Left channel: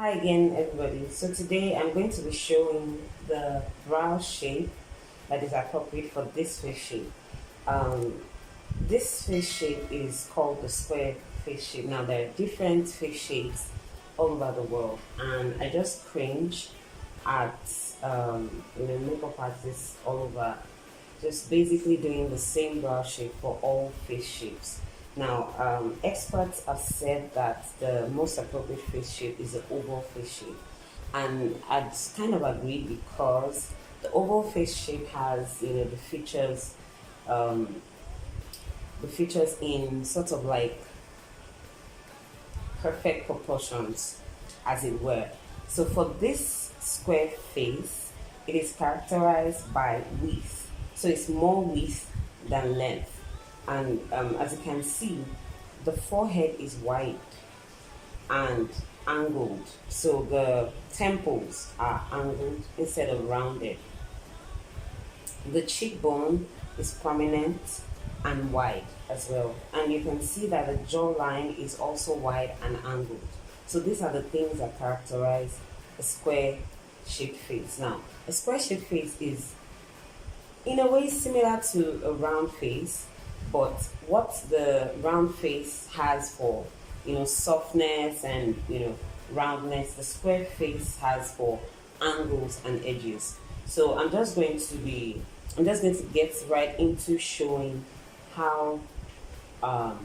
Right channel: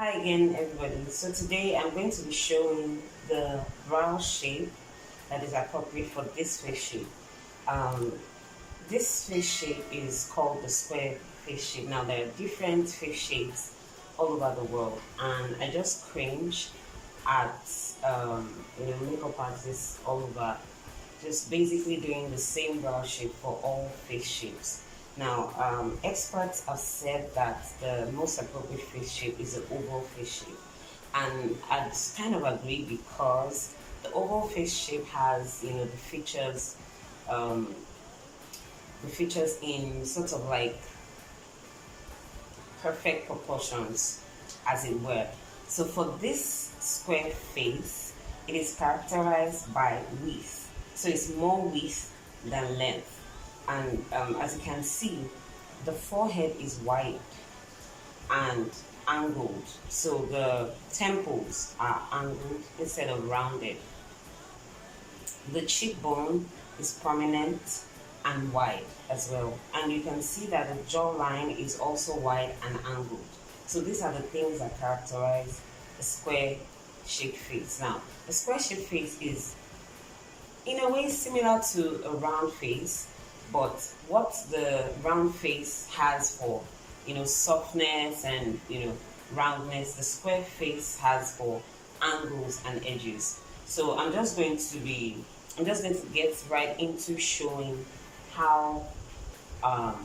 Hi again, everybody. So today I'm going to be showing the brow shape that is appropriate for this face shape. Um, this face shape is called the square face shape. Now there are different face shapes all over the world, and I just cringe at makeup artists all over just basically doing the same brow shape for all face shapes. Now, experts have said that the most appropriate face shape is the oval face shape, and I'd kind of agree because the oval face shape has um, the features in sort of like perfect proportions, as it were. So for this square face, it is characterized by width. So it's more width than length. And as you can see, the forehead is wide and angled. So the temples are angled instead of rounded. The cheekbone is prominent and wide as well. And you can see that the jawline is also wide and angled. So these are the things that characterize a square shaped face. Now, a square shaped face is in a way similar to a round face, but what the round face has for softness and roundness, the square face has for angles and edges. So I'm just going to get right into showing how um,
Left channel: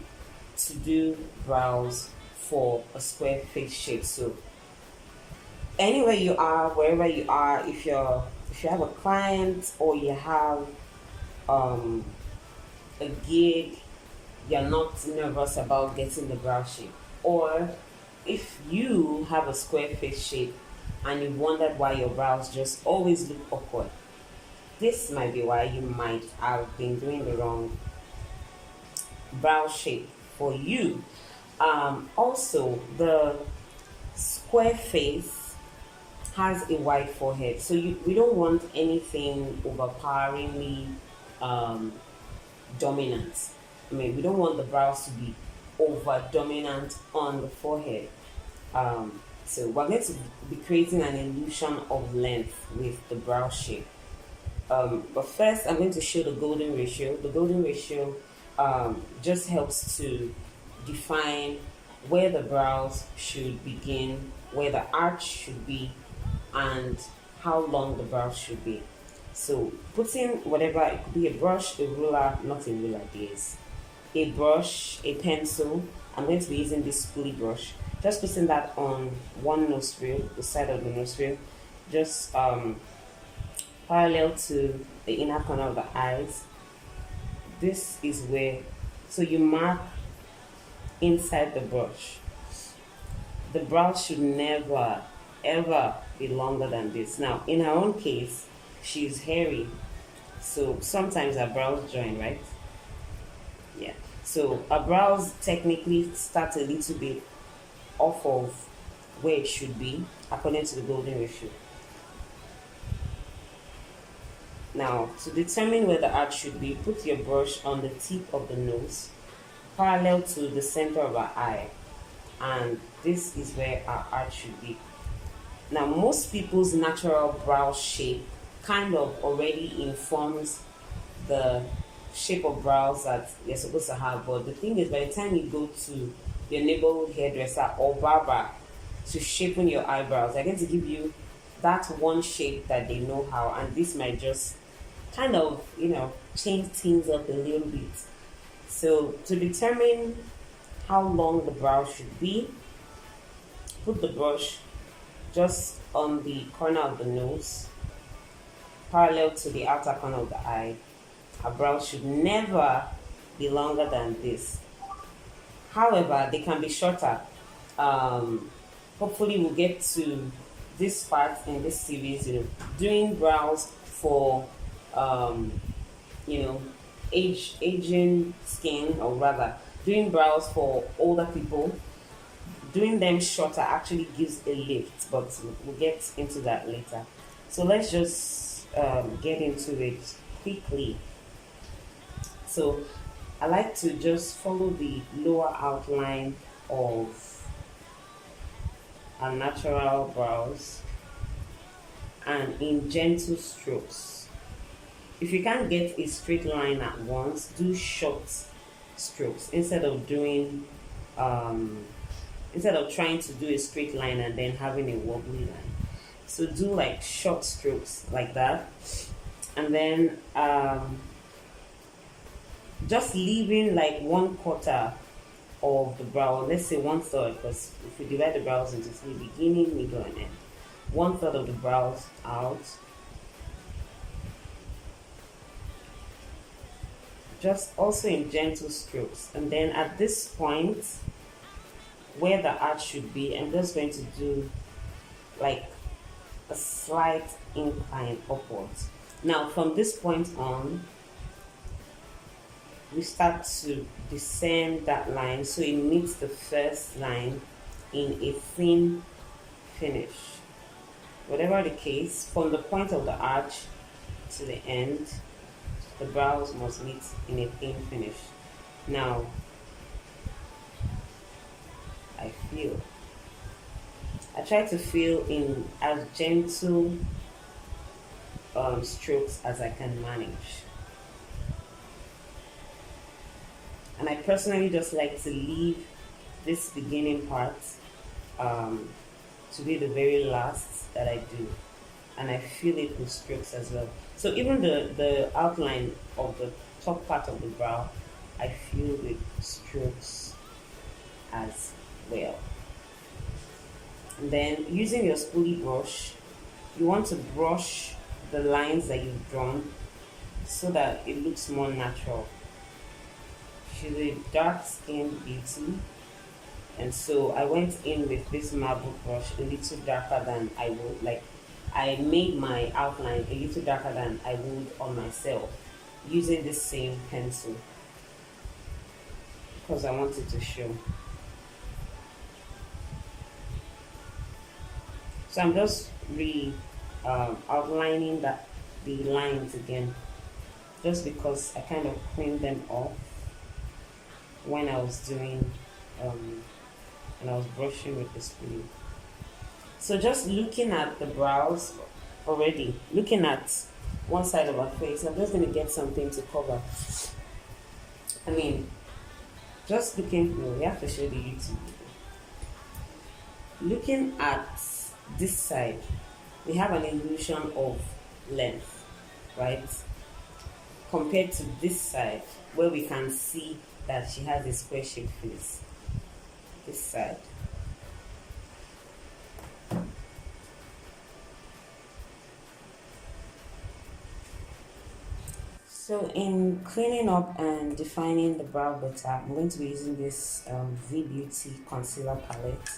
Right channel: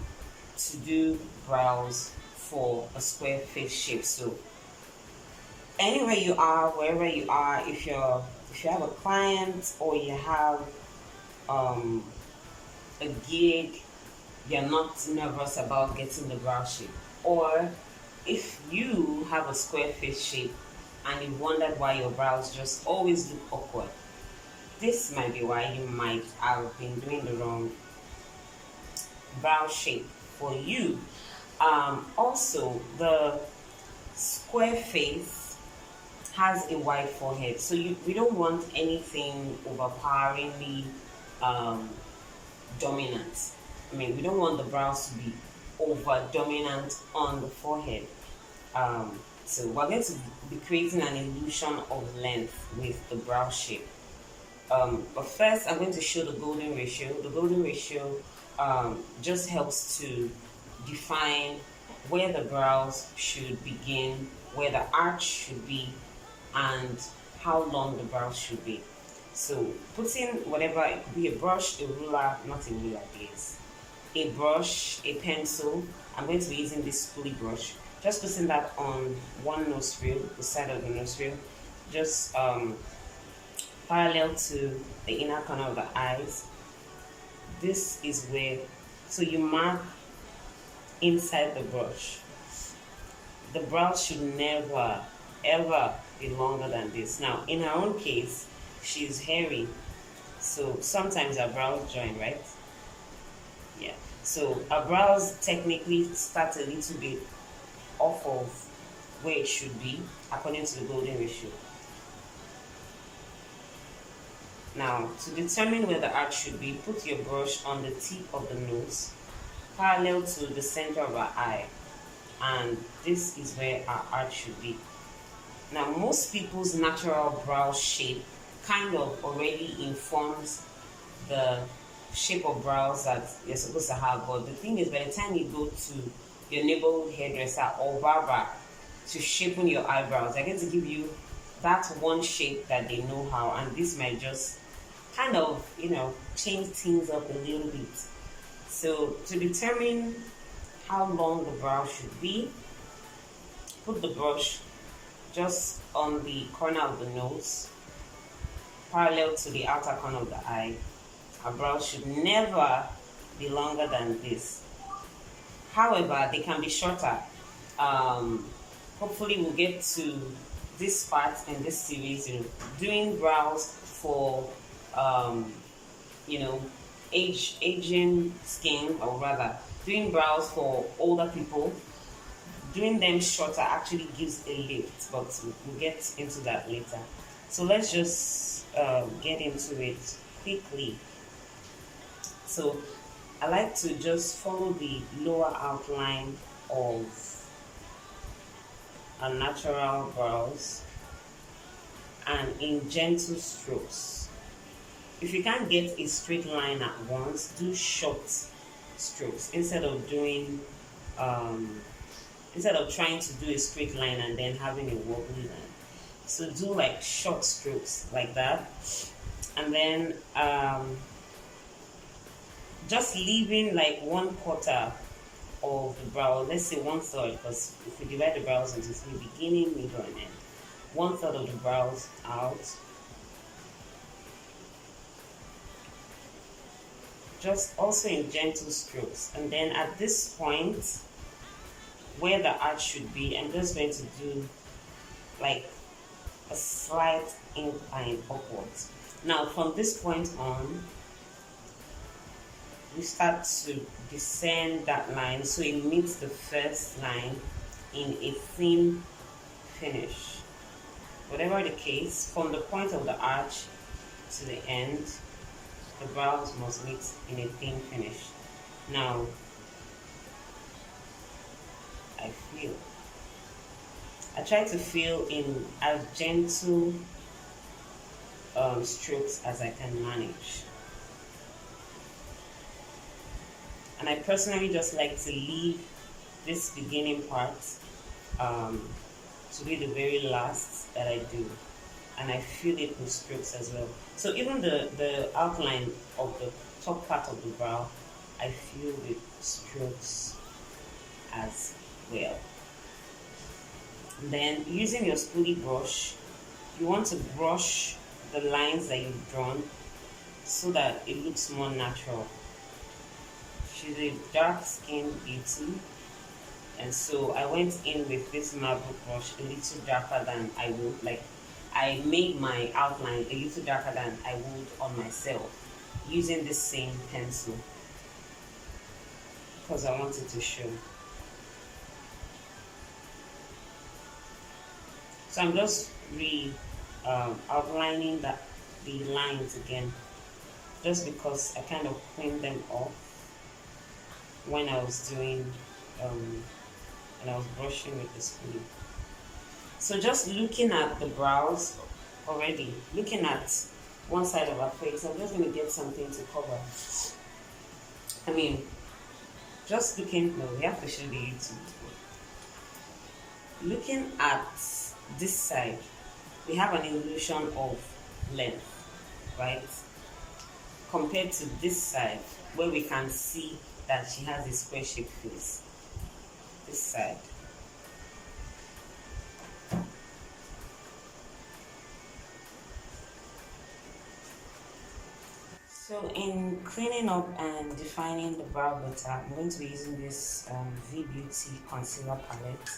to do brows for a square face shape. So anywhere you are, wherever you are, if you have a client or you have um, a gig, you're not nervous about getting the brow shape, or if you have a square face shape and you wondered why your brows just always look awkward, this might be why you might have been doing the wrong brow shape for you. Also, the square face has a wide forehead, so we don't want anything overpoweringly um, dominant. I mean, we don't want the brows to be over dominant on the forehead. So we're going to be creating an illusion of length with the brow shape. But first, I'm going to show the golden ratio. The golden ratio just helps to define where the brows should begin, where the arch should be, and how long the brows should be. So putting whatever, it could be a brush, a ruler, not a ruler, please. A brush, a pencil. I'm going to be using this spoolie brush. Just putting that on one nostril, the side of the nostril, just parallel to the inner corner of the eyes. This is where, so you mark inside the brush. The brows should never ever be longer than this. Now, in her own case, she's hairy, so sometimes her brows join, right? Yeah. So her brows technically start a little bit off of where it should be according to the golden ratio. Now, to determine where the arch should be, put your brush on the tip of the nose, parallel to the center of our eye, and this is where our arch should be. Now, most people's natural brow shape kind of already informs the shape of brows that you're supposed to have, but the thing is, by the time you go to your neighborhood hairdresser or barber to shapen your eyebrows, they're going to give you that one shape that they know how, and this might just kind of change things up a little bit. So to determine how long the brow should be, put the brush just on the corner of the nose, parallel to the outer corner of the eye. Our brows should never be longer than this. However, they can be shorter. Hopefully we'll get to this part in this series, doing brows for um, you know, aging skin, or rather, doing brows for older people. Doing them shorter actually gives a lift, but we'll get into that later. So let's just get into it quickly. So I like to just follow the lower outline of our natural brows and in gentle strokes. If you can't get a straight line at once, do short strokes um, instead of trying to do a straight line and then having a wobbly line. So do like short strokes like that, and then just leaving like 1/4 of the brow, let's say 1/3, because if we divide the brows into three, beginning, middle, and end, 1/3 of the brows out, just also in gentle strokes. And then at this point where the arch should be, I'm just going to do like a slight incline upwards. Now from this point on, we start to descend that line so it meets the first line in a thin finish. Whatever the case, from the point of the arch to the end, the brows must meet in a thin finish. Now, I try to feel in as gentle strokes as I can manage. And I personally just like to leave this beginning part to be the very last that I do. And I feel it with strokes as well. So even the outline of the top part of the brow, I feel with strokes as well. And then using your spoolie brush, you want to brush the lines that you've drawn so that it looks more natural. She's a dark skinned beauty, and so I went in with this marble brush a little darker than I would, like I made my outline a little darker than I would on myself using this same pencil because I wanted to show. So I'm just outlining the lines again, just because I kind of cleaned them off when I was doing when I was brushing with the spoon. So just looking at the brows already, looking at one side of her face, I'm just going to get something to cover. I mean, just looking, no, we have to show the YouTube. Looking at this side, we have an illusion of length, right? Compared to this side, where we can see that she has a square shaped face. This side. So in cleaning up and defining the brow better, I'm going to be using this V Beauty concealer palette.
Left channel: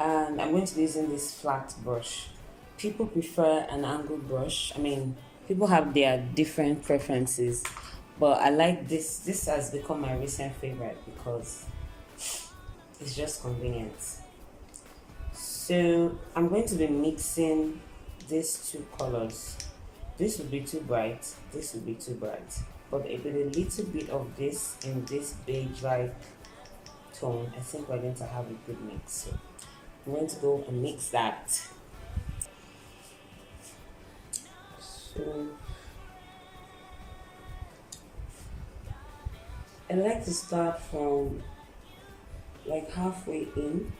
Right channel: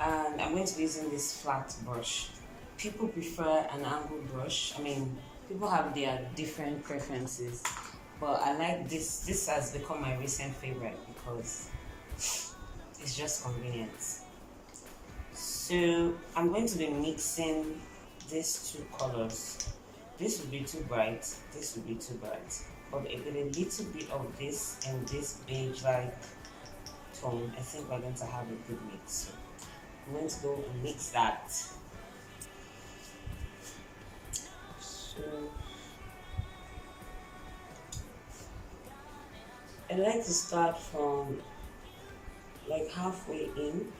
And I'm going to be using this flat brush. People prefer an angled brush. I mean, people have their different preferences, but I like this. This has become my recent favorite because it's just convenient. So I'm going to be mixing these two colors. This will be too bright, this will be too bright, but with a little bit of this in this beige like tone, I think we're going to have a good mix. So I'm going to go and mix that. So I like to start from like halfway in,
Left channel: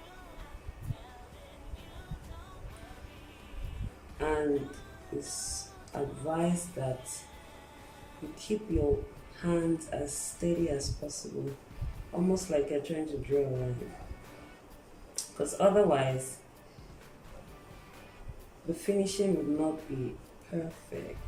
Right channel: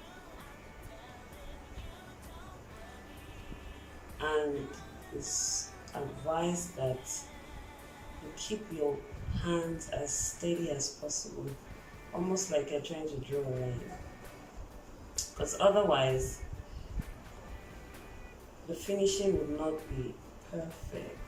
and it's advised that you keep your hands as steady as possible, almost like you're trying to draw a line, because otherwise the finishing would not be perfect.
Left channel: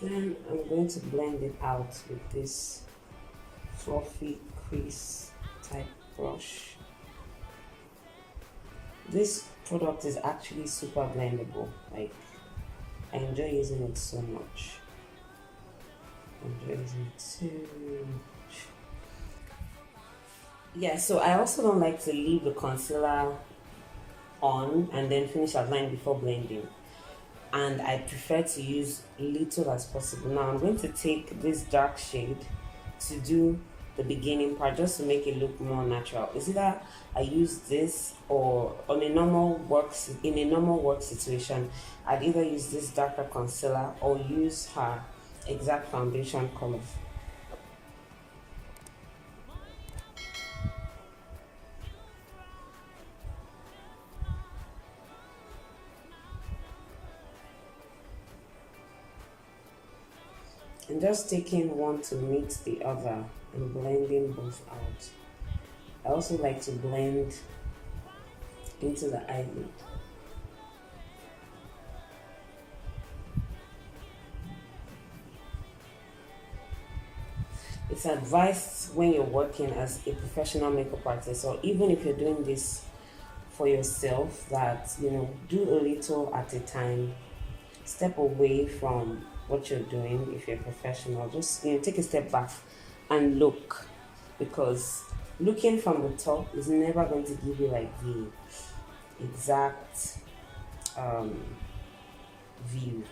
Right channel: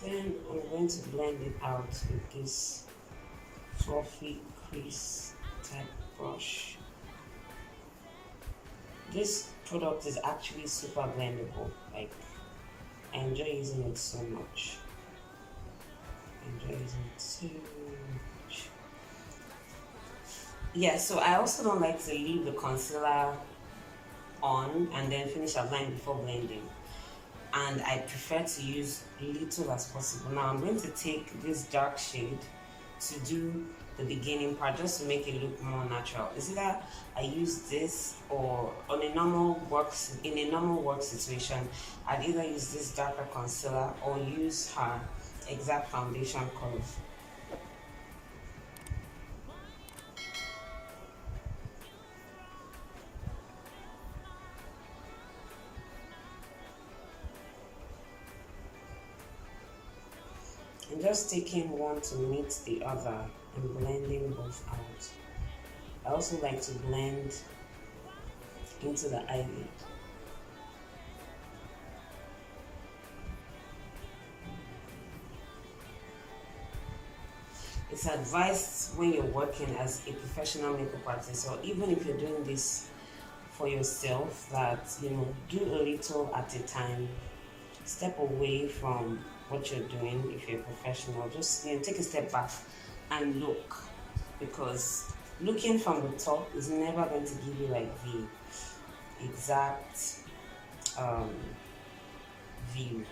Then I'm going to blend it out with this fluffy crease type brush. This product is actually super blendable. Like, I enjoy using it so much. Yeah, so I also don't like to leave the concealer on and then finish outline before blending. And I prefer to use little as possible. Now I'm going to take this dark shade to do the beginning part just to make it look more natural. Is either I use this or in a normal work situation, I'd either use this darker concealer or use her exact foundation color. I'm just taking one to meet the other and blending both out. I also like to blend into the eyelid. It's advised when you're working as a professional makeup artist, or even if you're doing this for yourself, that do a little at a time. Step away from what you're doing. If you're a professional, just take a step back and look, because looking from the top is never going to give you like the exact view,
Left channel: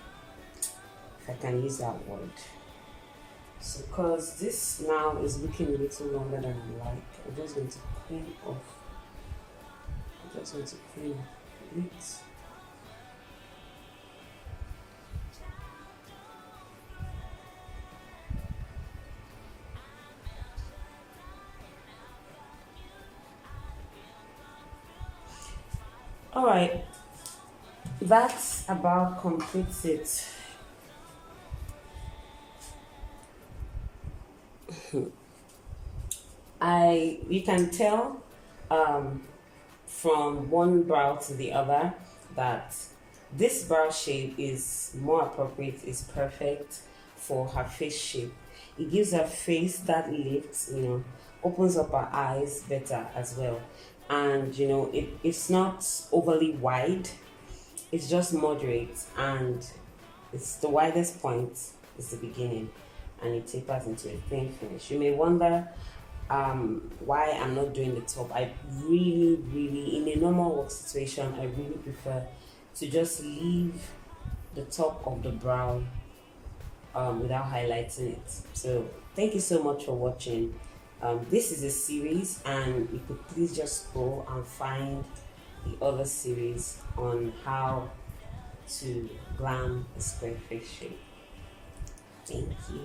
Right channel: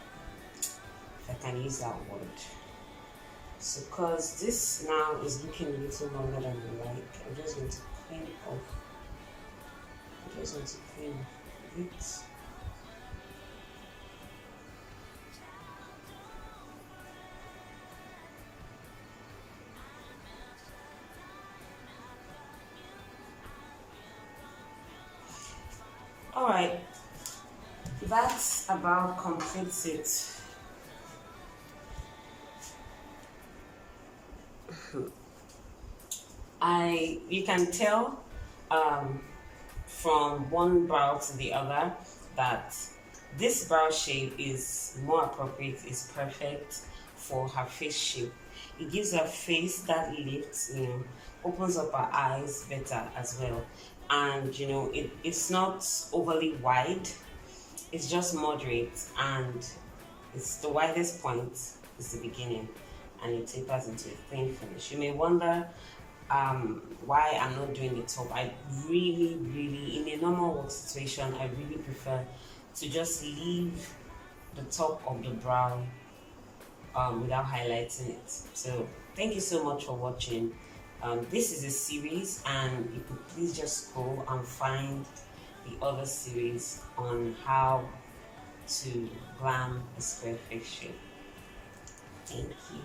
if I can use that word. So because this now is looking a little longer than I like, I'm just going to clean off it. All right, that about completes it. You can tell from one brow to the other that this brow shape is more appropriate, is perfect for her face shape. It gives her face that lift, opens up her eyes better as well. And it's not overly wide, it's just moderate, and it's the widest point is the beginning, and it tapers into a clean finish. You may wonder why I'm not doing the top. I really, in a normal work situation, I really prefer to just leave the top of the brow without highlighting it. So thank you so much for watching. This is a series, and you could please just go and find the other series on how to glam a square face shape. Thank you.